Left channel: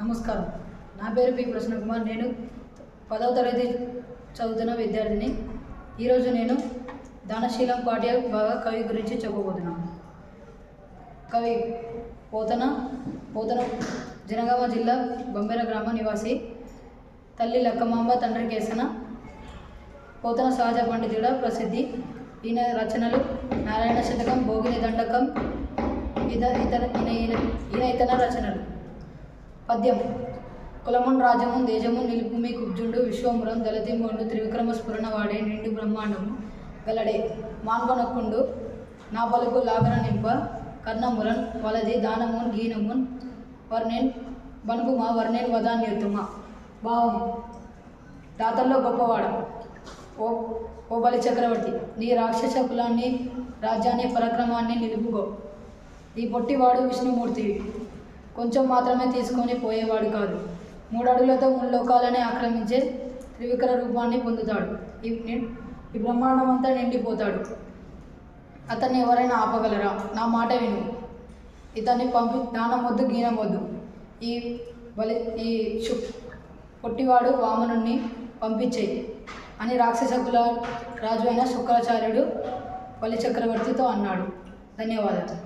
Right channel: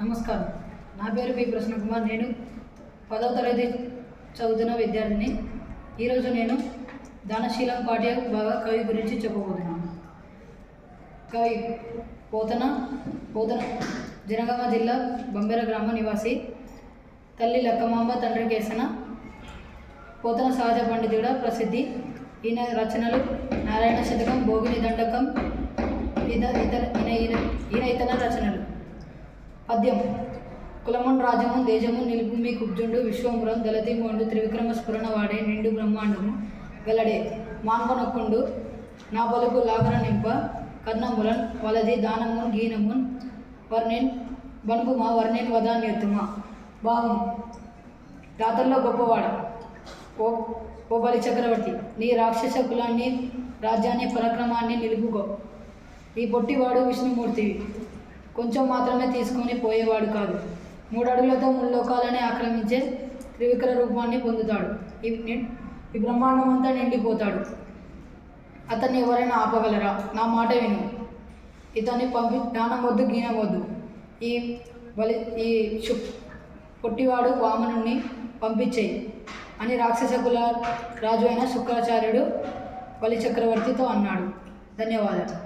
నమస్కారం. నా పేరు పి ప్రసన్నకుమార్. నేను 10వ తరగతి చదువుతున్న విద్యార్థిని. ఈరోజు నేను దానశీలం పాఠ్య భాగ కవి గురించి చెప్పబోతున్నాను. కవి పోతన జనగామ జిల్లా బంబెర గ్రామ నివాసి. తల్లి లక్కమాంబ, తండ్రి కేసన. పోతన సహజ పండితుడ ప్రసిద్ధి. ఈయన రచనలు నారాయణ శతకం, భోగిని దండకం, ఇతన రచనలు. పద్యం: కులమున్ రాజమున్ దేశము నిలుపుమి కుబ్జుండు విశ్వంబురం దళతింగొండు త్రివిక్రమ స్ఫురణ వాడే నిండు బ్రహ్మాండము గలడే మాన్పనొక్కుండు నా పలుకు లాగన నింప కర్ణమురన్ వలది దానమున్ గీనమున్ వర్ణెన్ బనుకుమా వర్ణెన్ వదాన్యోత్తమ. భావం: రాతల్లో గొప్పవాడు ఓ బలి చక్రవర్తి, నీ రాక్షస కులాన్ని, రాజ్యాన్ని, పరాక్రమాన్ని నిలుపుకో. ఈ పొట్టివాడు విష్ణుమూర్తివి, కొంచెం మాత్రమే తీసుకొని పోయేవాడు కాదు. 3 అడుగులతో 3 లోకాలని ఆక్రమించే త్రివిక్ర రూపాన్ని పొందుతాడు. ఈ బ్రహ్మాండమంతా నిండిపోతాడు. అతన్ని ఎవరైనా ఆపగలరా? నా మాట విను. ఇతన్ని దానం వద్దు, గీనం వద్దు. ఈ పొట్టివాడు వామనుణ్ణి పంపించేయి అని రాక్షస కుల రాజు అయిన శుక్రాచార్యుడు బలి చక్రవర్తితో అన్నాడు. ధన్యవాదాలు.